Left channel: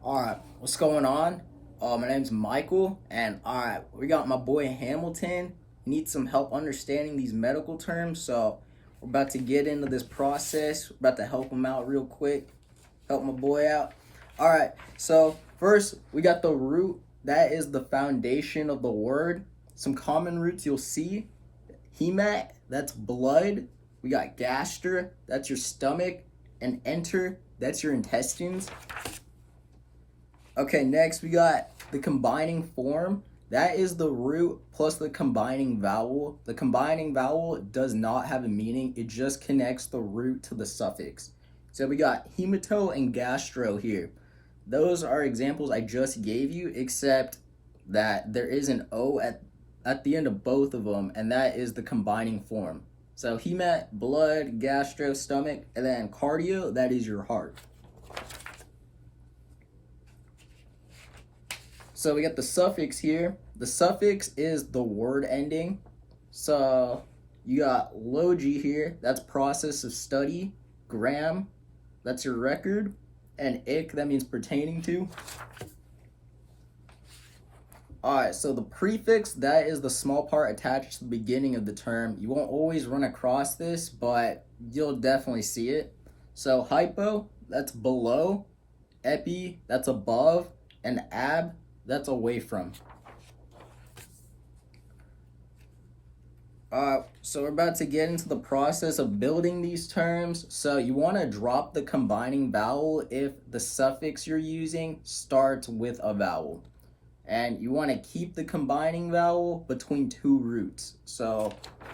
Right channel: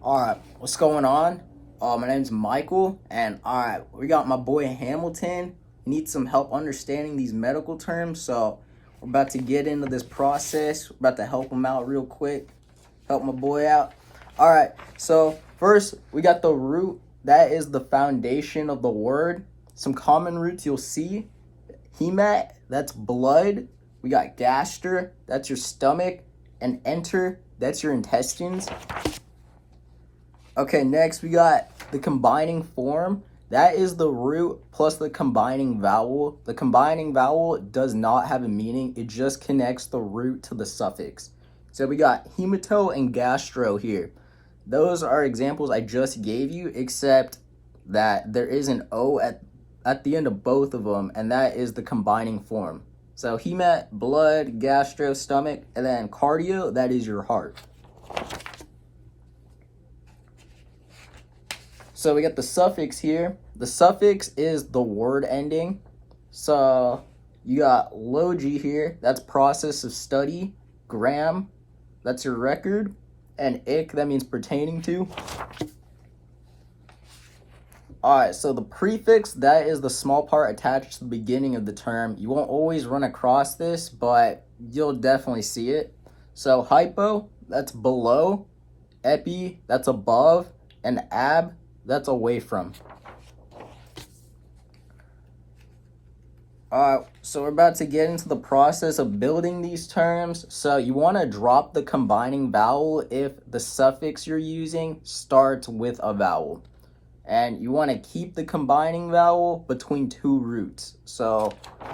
Alright, what's going on? My name's Michael, and alright, we got my boy Hamilton. He needs some help understanding these medical terms, so we're about to get into this process. We're about to help him out real quick, help my boy out. Alright, so first, we got the root. That is the foundation of the word. Some common roots you'll see. Hemat, that's blood. We got gaster, that's your stomach. And enter, that's your intestines. Okay, next we got the combining form. That is the root plus the combining vowel. The combining vowel does not have a meaning. It just connects the root to the suffix. So we got hemato and gastro here. Those are examples I just gave you, except that there is an O at the end of both of them, and that is the combining form. So hemat, blood, gastro, stomach, and then cardio, that is your heart. So we got the suffix here. The suffix is the word ending. So you got logi here, that's process of study. Gram, that's your record. And ik, that means pertaining to. Alright, so the prefix, that is the small part attached to the beginning of the term. You won't always run across this, but you'll definitely see it. So hypo, that's below. Epi, that's above. And ab, that's away from. So we're about to get into the process of building these terms. So you want to drop the combining vowel if the suffix you're using starts with a vowel. And you want to keep the combining vowel between two roots. So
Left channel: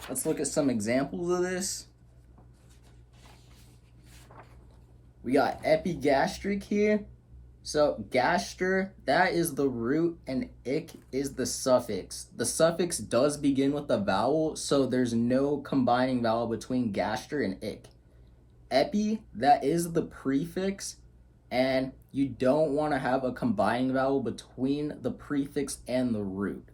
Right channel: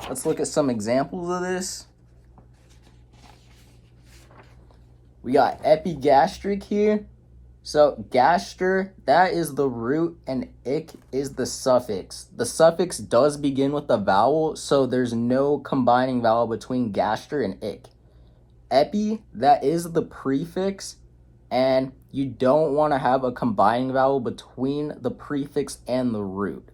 let's look at some examples of this. We got epigastric here. So gaster, that is the root, and ik is the suffix. The suffix does begin with a vowel, so there's no combining vowel between gaster and ik. Epi, that is the prefix, and you don't want to have a combining vowel between the prefix and the root.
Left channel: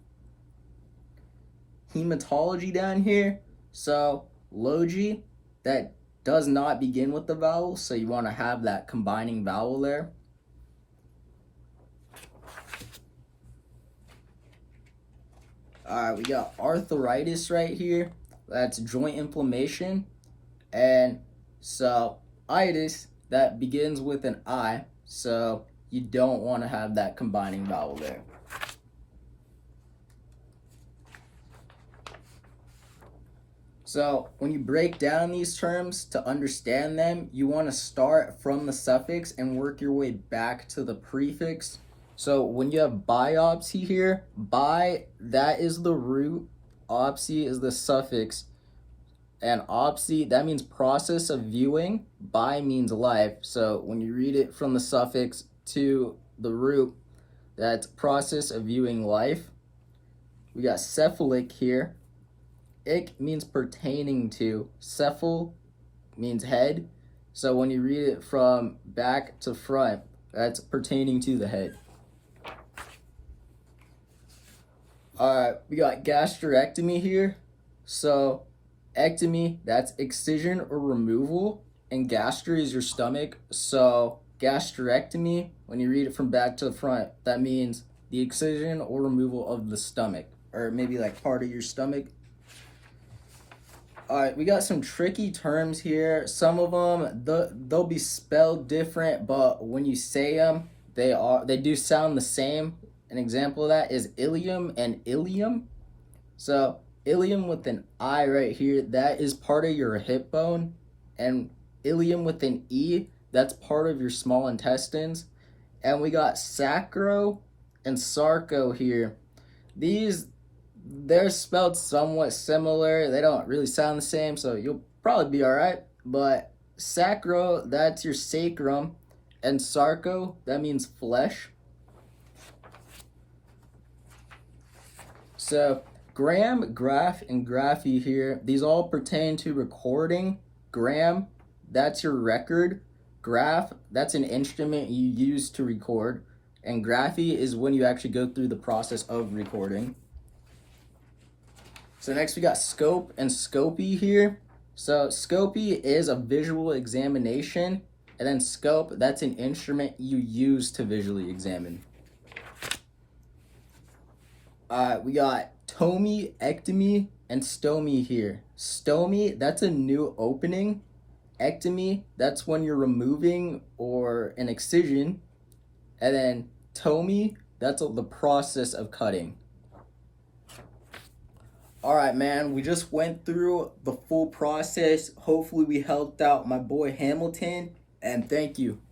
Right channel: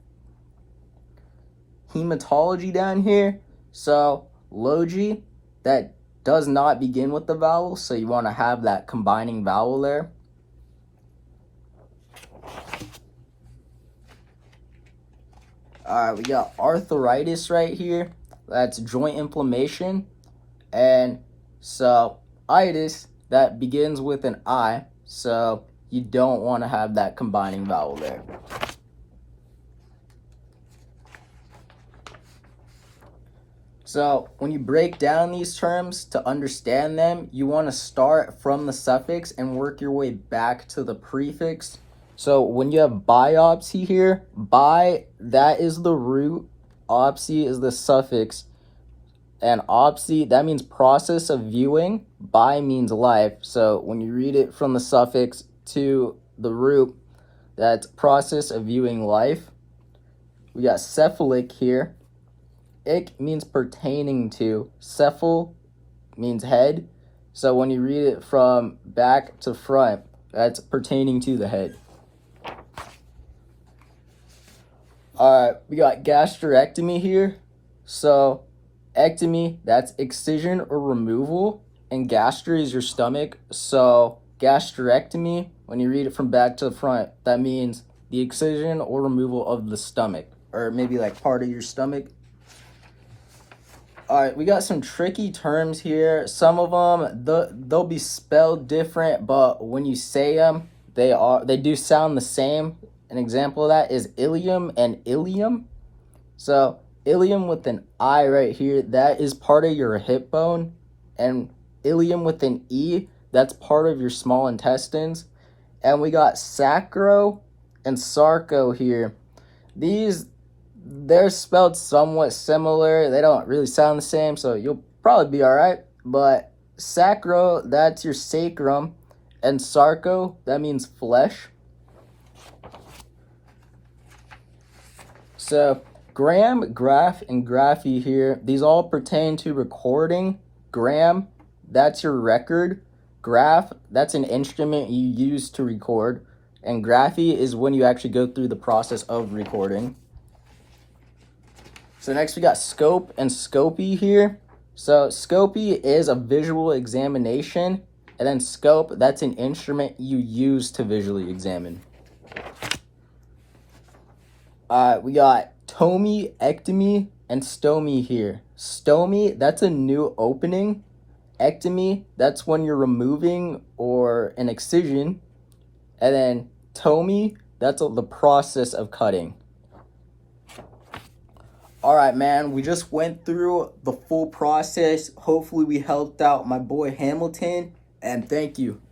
Hematology down here, so logi, that does not begin with the vowel, so you want to have that combining vowel there. Alright, we got arthritis right here. That's joint inflammation. And so itis, that begins with an I. So you don't want to have that combining vowel there. So when you break down these terms to understand them, you want to start from the suffix and work your way back to the prefix. So when you have biopsy here, bi, that is the root, opsy is the suffix, and opsy, that means process of viewing, bi means life. So when you read it from the suffix to the root, that's process of viewing life. We got cephalic here. Ik means pertaining to. Cephal means head. So when you read it from back to front, that's pertaining to the head. Alright, we got gastrectomy here. So, ectomy, that's excision or removal. And gaster is your stomach. So, gastrectomy, when you read it from back to the front, that means the excision or removal of the stomach. Or maybe like part of your stomach. Alright, we got some tricky terms here. Some of them, they'll be spelled different, but when you say them, they do sound the same. An example of that is ilium and ilium. So ilium with an I right here, that is part of your hip bone. And ilium with an E, that's part of your small intestines. And we got sacro and sarco here. They're spelled somewhat similar. They don't really sound the same, so you'll probably be all right. But sacro, that's your sacrum. And sarco, that means flesh. So gram, graph, and graphy here, these all pertain to recording. Gram, that's your record. Graph, that's an instrument you use to record. And graphy is when you actually go through the process of recording. So next we got scope and scopy here. So scopy is a visual examination, And then scope, that's an instrument you use to visually examine. We got tomy, ectomy, and stomy here. Stomy, that's a new opening. Ectomy, that's when you're removing or an excision. And then tomy, that's the process of cutting. All right, man, we just went through the full process. Hopefully we helped out my boy Hamilton, and thank you.